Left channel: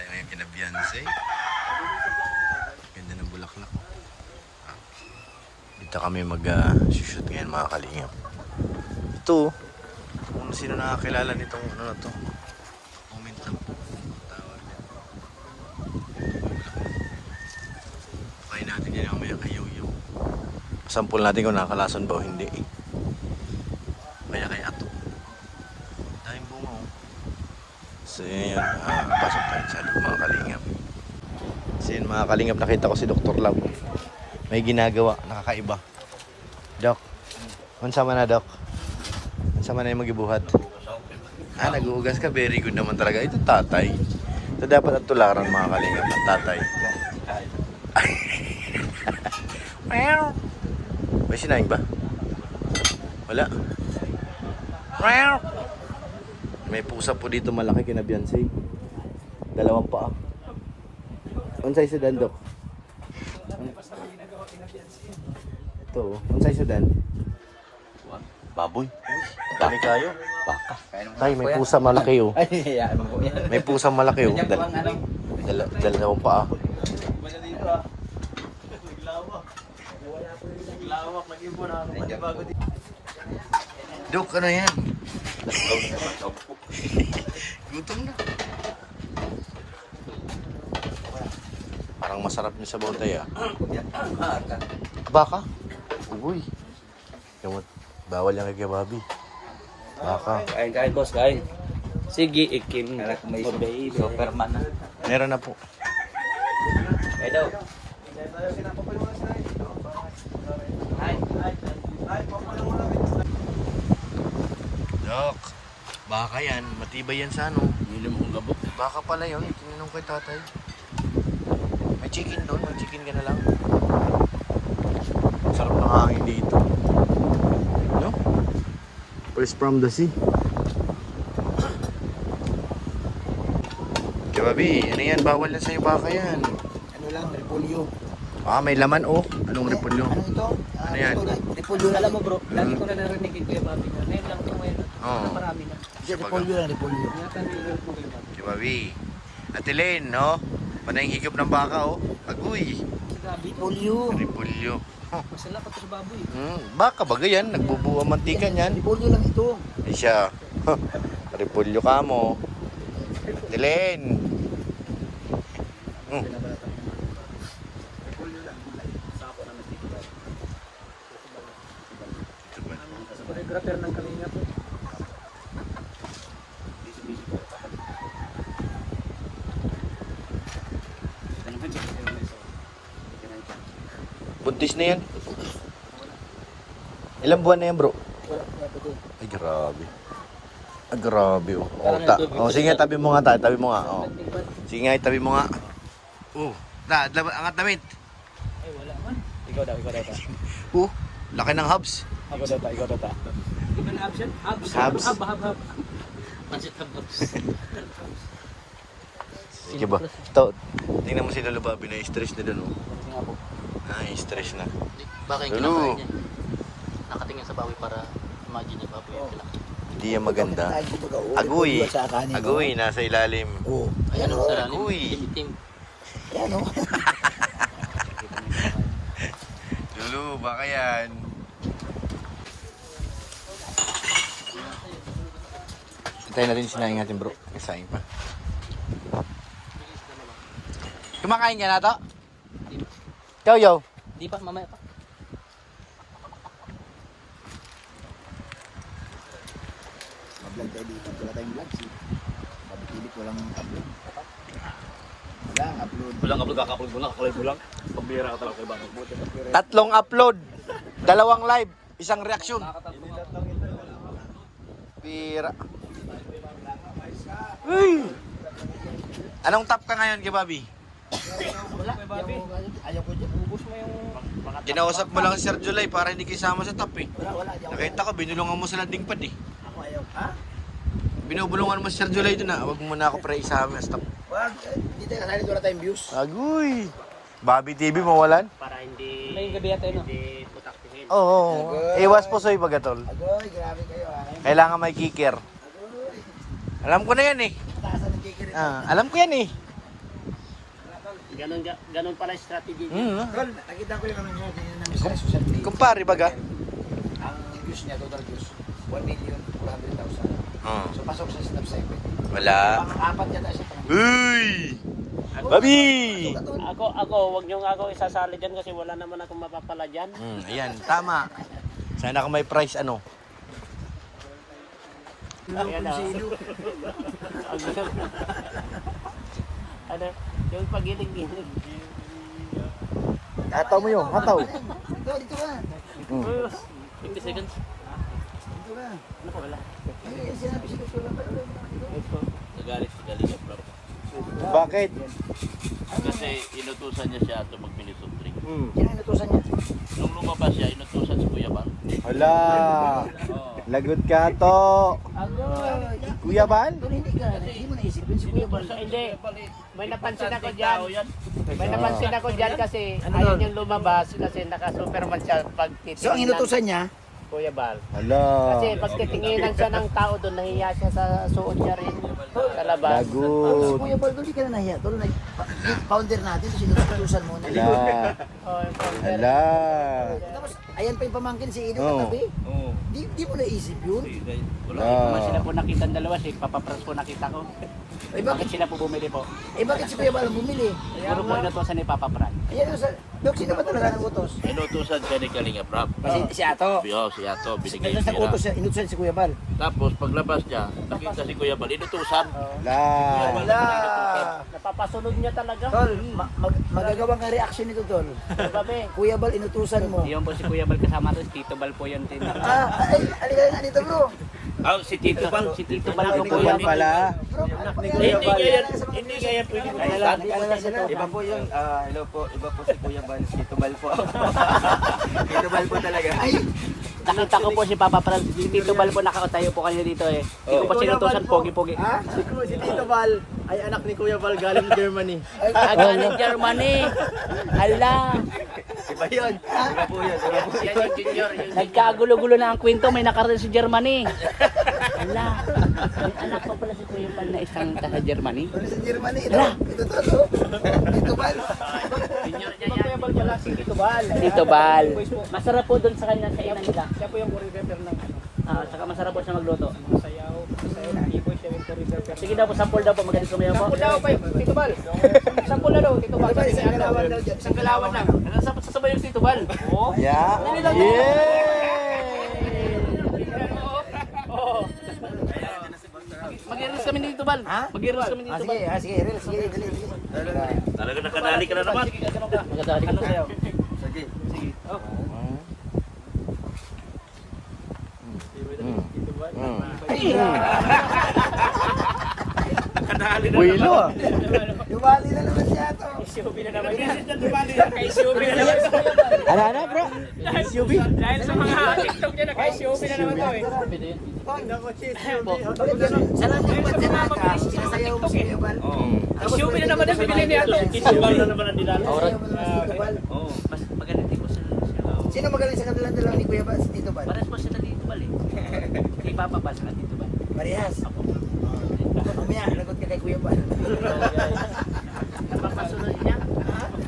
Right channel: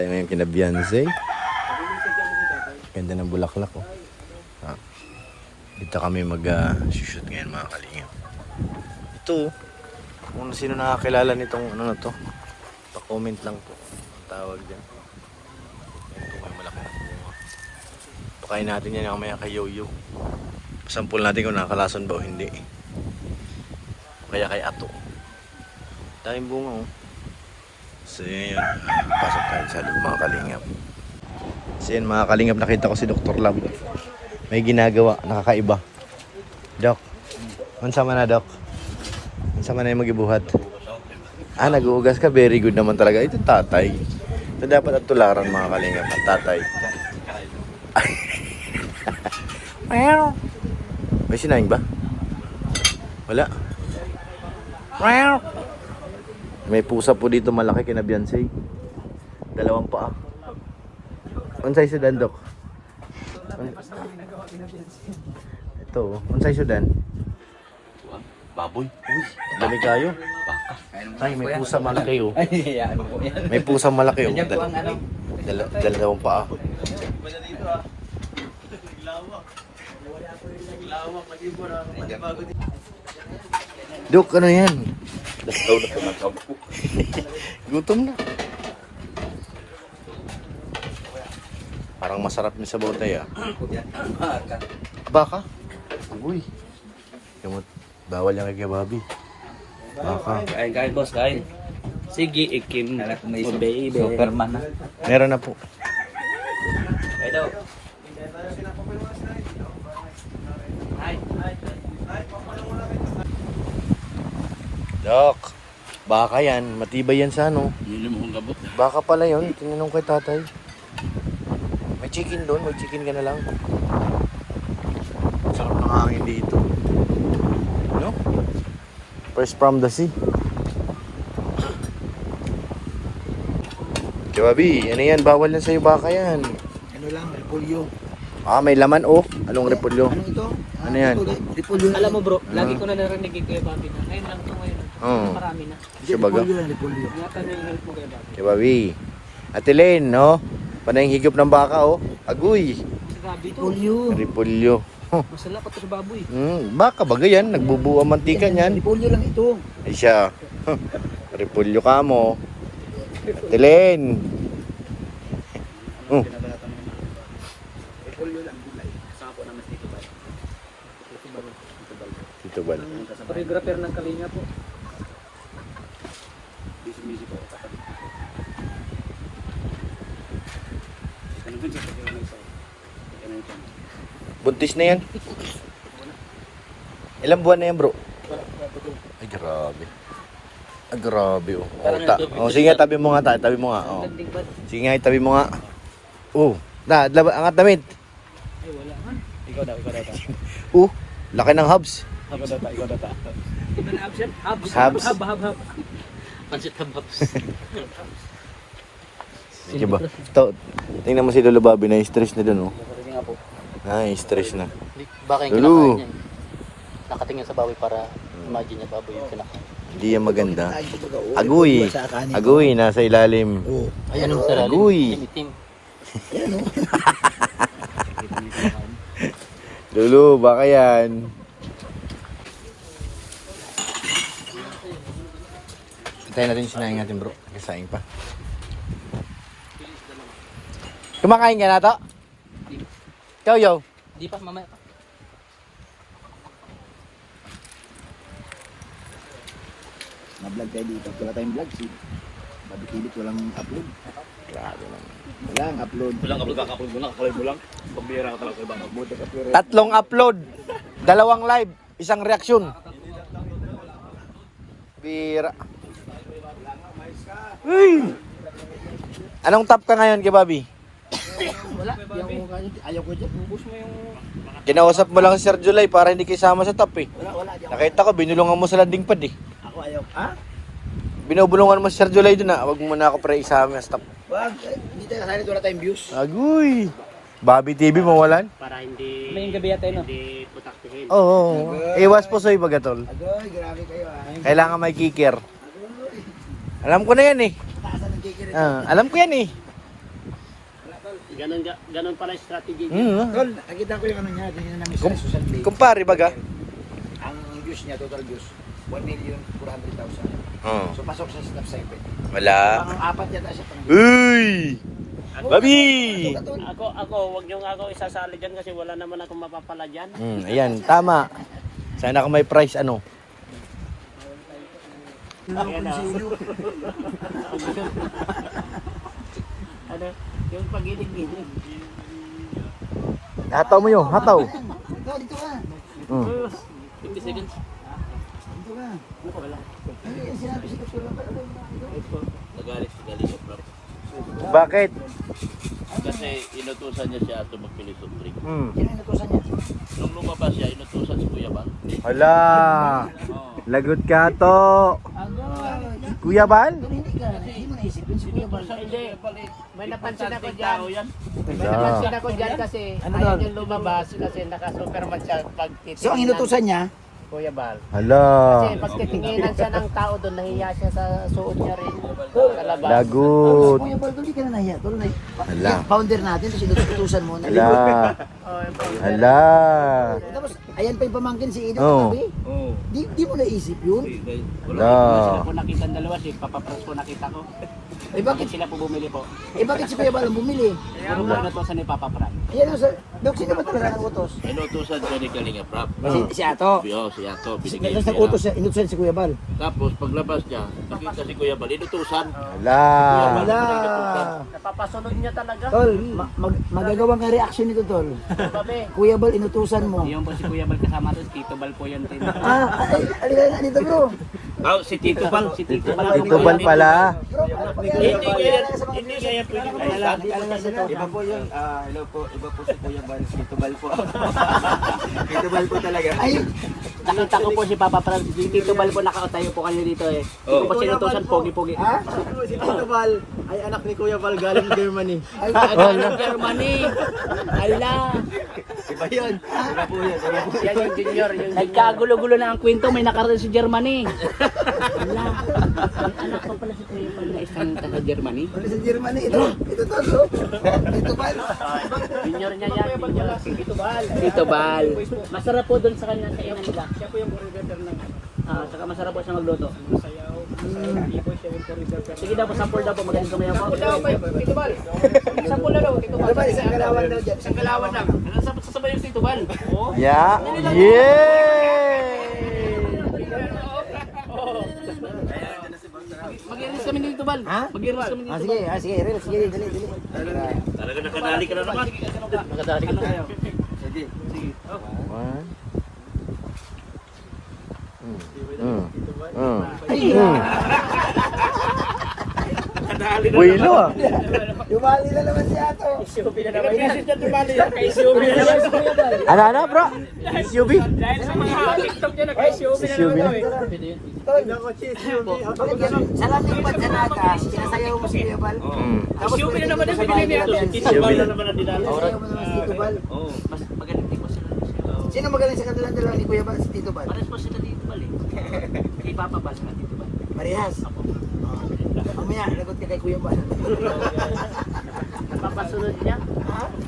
tayo ngayon kina Beyonce. Ganda ng bulaklak oh. Dito kami mag-shoot ngayon mga kalingap. Ito, kung sino nakakilala nitong ano na to, pa-comment lang po. Tawag dyan. Ito may bulaklak. Pakain natin yan yung maya kay Yoyo. Pasampul natin kung nakakalason ba o hindi. Kaya kay Ato. Daming bunga oh. So yun, pasok tayo sa loob mga kalingap. So yun mga kalingap, nakita ko si Dr. Lab. May ginagawa, nakakaiba. Doc, mansama na Doc? Mansama na yung magibuhat? Nag-uugas ka, very good naman talaga. Ito tatay. Ito dapat at tularan mga kalingap ng tatay. May sinaing ba? Wala. May pusa po dito malaki kina Beyonce. Dalawang paa. Unsay sudan Doc? Ito, unsay sudan? Baboy. Dami kayo. Tay, may pusa malaki oh. May pusa malaki oh. Dalawang paa. Dok, ano yan? Gutom na. Parang masarap yung sabaw tayo. Baka? Uy. Bawal yung kay Bobby. Baka. Kain, boss, kain. Sige, ikim. May baby. Superman. Meron na po. Kain daw. Dok, baka yan. Matibay yan sa ano. Hilim kong gabot. Baka pala yun. Tinanong kay tatay. May chicken doon. May chicken ka na lang. Sarap ng hangin dito. No? First from the sea. Kababi, ano yan? Bawal na sa'yo baka yan. Ano lang, repolyo. May laman oh. Anong repolyo? Ano ito? Ano yan? Repolyo. Alam mo bro, lagi ko na narinig kay Bobby na. Ngayon lang ito ngayon. Oo. Marami na. Sabaga. Repolyo lang, repolyo. Nga pa rin mo kay Bobby. Kababi. Ate Len, no? Panay higop ng baka oh. Aguy. Si Gabi ito. Repolyo. Repolyo. Masala pa ito sa baboy. Baka bagay yan. Nagbubuo ang mantika niyan. Repolyo lang ito. Ay siya. Repolyo ka mo. Ate Len. Dito ba? Choreographer ng Kalinga po. Buntis na yan. Ilang buwan na yan bro? Ay grabe. Ay grabe oh. Sige tabi mo nga tabi mo nga. Oh. Sige nga tabi mo nga. Angat damit. Ay wala man. Ikaw daw. Laki ng hubs. Ikaw daw pa. Ano option? Habs. Hab. Pansit habs. Diba? Tingnan mo si Lolo Bobby na stress na dun oh. Kasi nga po. Stress na. Baka yung Lolo. nakatingin sa baboy para imagine niya baboy yung kinakain. Hindi yan maganda. Aguy. Aguy, nasa ilalim. Oo. Ayan o sa Aguy. Yan o. Lolo, baka yan. Hintayin natin yung sinaing natin bro. Saing pa. Kumakain ka na to? Yo. Di pa mamaya pa. Na-vlog tayo dito. Wala tayong vlog. Si Bobby Philip walang upload. Grabe naman. Walang upload. Kaka-upload mo lang. Kulay mo lang. Pambira ka talaga. Tatlong upload. 2 live. 1 reaksyon. Bira. Anong top ka ngayon kay Bobby? Wala. Ayaw ko dyan. Push mo yung Kinausap mo lang si Sir July para hindi kayo sama sa top eh. Wala. Nakita ko, binulungan mo sa landing pad eh. Ako ayaw. Ha? Binubulungan mo si Sir July doon ah. Huwag mo na ako pre isama sa top. Wag. Hindi tayo kasalit. Wala tayong views. Agoy! Bobby TV mawalan? Para hindi ngayong gabi yata no. putaktihin. Oo. Iwas po sa'yo bagatol. Agoy, grabe kayo ah. Kailangan may kicker. Alam ko na yan eh. Taasan ng kikirit. Alam ko yan eh. Ganon pala yung strategy. Tol, nakita ko yung ano niya, ganyan na namin sa social media. Kumpare baga? Ang views niya, total views, 1,400,000. So pasok sa snap 7. Wala. Pang-apat yata siya. Uy! Babi! Ako, wag niyo nga ako isasali dyan kasi wala naman akong mapapala dyan. Ayan, tama. Sana kung may price ano. Ayan na. Ano, yung pagilig-gilig. Hataw mo yun, hataw. Ito, dito ka. 50 seconds. Dito ka. Ano wala? Ano yung sinabi si Dr. Lampard? Nagalit si Galinga bro. Bakit? Kasi inutusan niya si Ato magpili of drink. Sino yung natusan niya? Nung lumabas siya, inutusan si Kuya Bang. Hala! Lagot ka to! Kuya Bal? Tol, hindi ka. Hindi mo naisip yun si Kuya Bal. Hindi. May napansin ako dyan. Yan. May napansin ako dyan kasi Ano ayaw doon? niyang lumabas kasi naka-superman siya pag titingin So, ang inutusan niya, Kuya Bal. Hala! Kasi pag titinginan siya ng tao doon, nahiya siya sa suot niya rin sa labas. si Lagot! Kuya Bal, tol, di ka na nahiya. Tol, Hala. founder natin, tapos inutusan mo na. Hala! Oh, yung founder. Hala! Tapos, ayan pa yung pamangkin si Ido Oo. katabi. Oo. Di mo naisip yun? Naman sila Hala! po nakita ang dalawa, si Papa Franz po nakita ko. Eh Bakit bakit, sila po bumili po? bakit si Kuya Bal ang bumili? Puro po inutosan ni Papa Franz. Ayan sa, Dok, sino ba talaga ang utos? Inutusan siya ni Kalinga Prab. Si Ato. Si Ato, binigay Nasa niya. utos siya, inutusan si Kuya Bal. Tapos paglabas niya, nakita si Kuya Bal, inutusan. Hala! Napapasunod niya talaga. Tol, magagawang ka reaction nito, Tol. Babe. Kuya Bal, inutusan mo. Yun po si Kuya Bal kasama doon, Tito Bal po yun. Alika nga dito, bro. Si Tito Bal. Si Tito Bal. Tito Bal pala. Bro, Hindi kaya pwede Iba po yun, hello po, iba po si Kuya Bal, Tito Bal po. Tito Bal po talaga. Ay, Nakita ko po si Papa Franz, si Tito Bal po nakatayo po kanina dito eh. Hindi ko po sinutusan, pogi-pogi. ha? Si Tito Bal ay anak ni Kuya Bal galing Germany. Galing Germany. Ala. Iba yun, iba po yun, iba po. Yan yung junior. Nagkagulo-gulo na ang kwento, may nakaroon si Germany. Ala. May anak pa pala si Kuya Bal na isang taga Germany. Ano sa Germany? Ito, Tol, oh. Tito Bal. Junior niya yan. Si Tito Bal. Tito Bal. Masarap po doon sa kanya sa inan nila. Siya po yung purifier ng saka masarap po siya magluto. Masayaw. Iboy siya yung purifier. Sige daw po, sample daw po. Magaling kumayaw po. Sample daw po, Tito Bal. Sample daw, Tito Bal. Diba, isang kalawan daw dyan. Isang kalawan lang. Sasabay yung Tito Bal. Oo. Yeah! Yay! Mag-iris kami ni Tito Bal. Mag-iris kami ni Tito Sige, Bal. sige, Rel, sige, dali. Talaga nakadali ka na naman. Magdadali ka na sa'yo. Sige. Buelo ah. Dumali na naman si Ato. Isubi na naman yan. Isubi na naman sa Kuya Bal. Ano bro? SUV? Dahil sa mga TikTok niya, naka-isubi na naman daw eh. Bakit ganun? Sa lahat ng bansa nata, sinasayaw mo si Kuya Bal. Isubi na naman yung binili niya. Isubi na naman ang dinalo. Sayaw mo naman si Tito Bal. Mas magaling din po sila. Sino magaling sa kanilang dalawa ni Kuya Bal? Si Tito Bal. Pares po sila Tito Bal eh. Kay Papa Bal sila Tito Bal. Parehas. Mamaya, lagot ka kay Kuya Bal. Papasunod niya.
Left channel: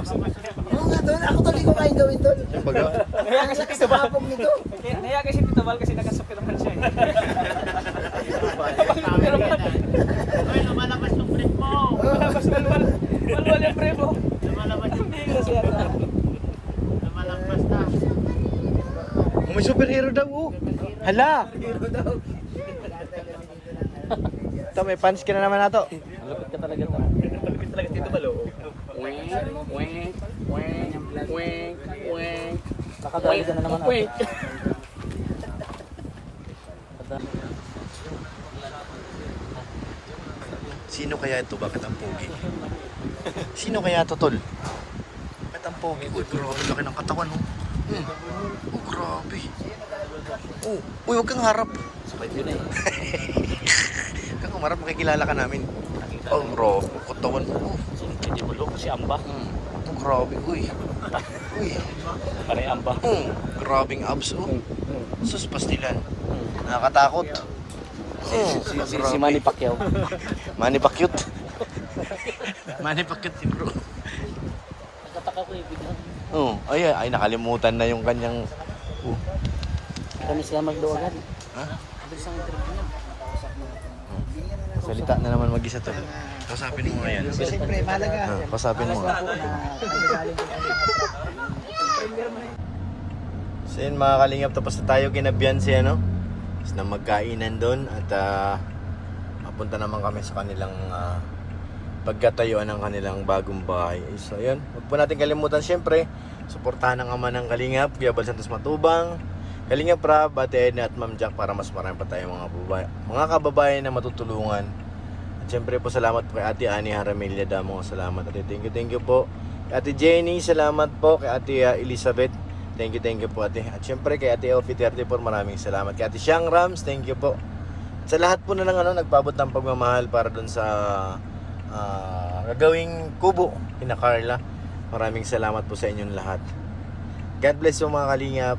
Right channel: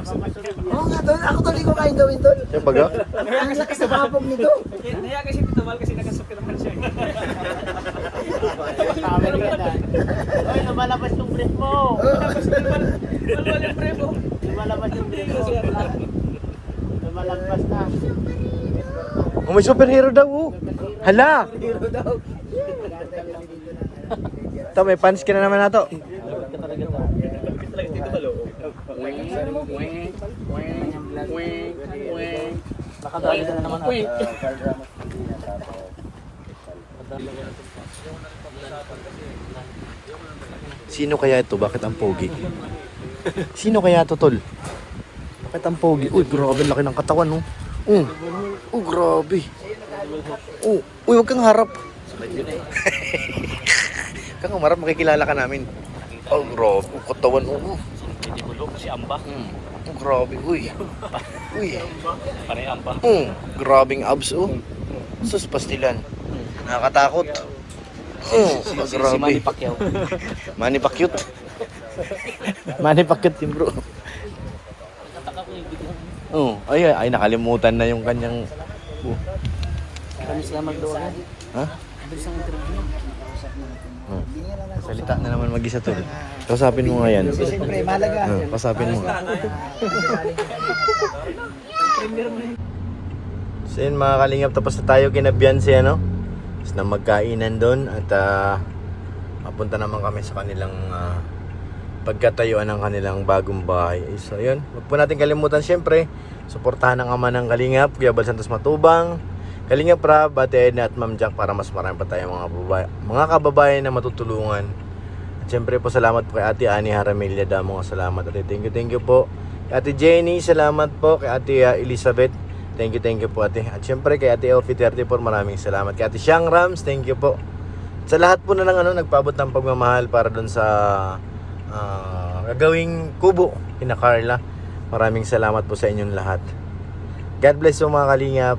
Papasunod niya. Oo nga, Tol. Ako, Tol, di ko kain gawin, Tol. Yung baga? Ang lakas sa papong nito. Naya kasi Tito Bal kasi nakasukil naman siya. Ay, lumalabas yung friend mo. Lumalabas yung friend mo. Lumalabas yung friend mo. Lumalabas na. Oh, may superhero daw oh. Hala! Ito, may fans ka na naman na to. Sino kaya ito? Bakit ang pogi? Sino kaya ito, tol? Bakit ang pogi? Uy, grabe, laki ng katawan, oh. Grabe. Uy, huwag kang harap. Huwag kang harap, makikilala ka namin. Grabe, ang katawan, oh. Hindi mo loko si Amba. Grabe, uy. Pare Amba. Grabing abs, oh. Sus, pastilan. Nakakatakot. Grabe. Manny Pacquiao. Manny Pacquiao. Manny Pacquiao, team bro. Oh, ay nakalimutan na yung kanyang... Oh, Kami sila magluto. ha? Bilis ang interview niya. Oh. Salita na naman mag-isa to. Kausapin mo nga yan. Kausapin mo nga. So yun mga kalingap, tapos na tayo kina Beyonce, ano? Tapos na magkainan doon at mapunta naman kami sa kanilang pagkatayuan ng kanilang bagong bahay. So yun, huwag po natin kalimutan siyempre, suportahan ang ama ng Kalingap, Kuya Bal Santos Matubang, Kalingap Rab, Ate Edna at Ma'am Jack para mas marami pa tayong mga kababayan na matutulungan. At siyempre po salamat po kay Ate Ani Haramilya Damo, salamat at thank you po. Kay Ate Jenny, salamat po. Kay Ate Elizabeth, thank you po ate. At siyempre kay Ate Ofi 34, maraming salamat. Kay Ate Siang Rams, thank you po. Sa lahat po na lang nagpaabot ng pagmamahal para doon sa gagawing kubo kina Carla. Maraming salamat po sa inyong lahat. God bless po mga Kalingap.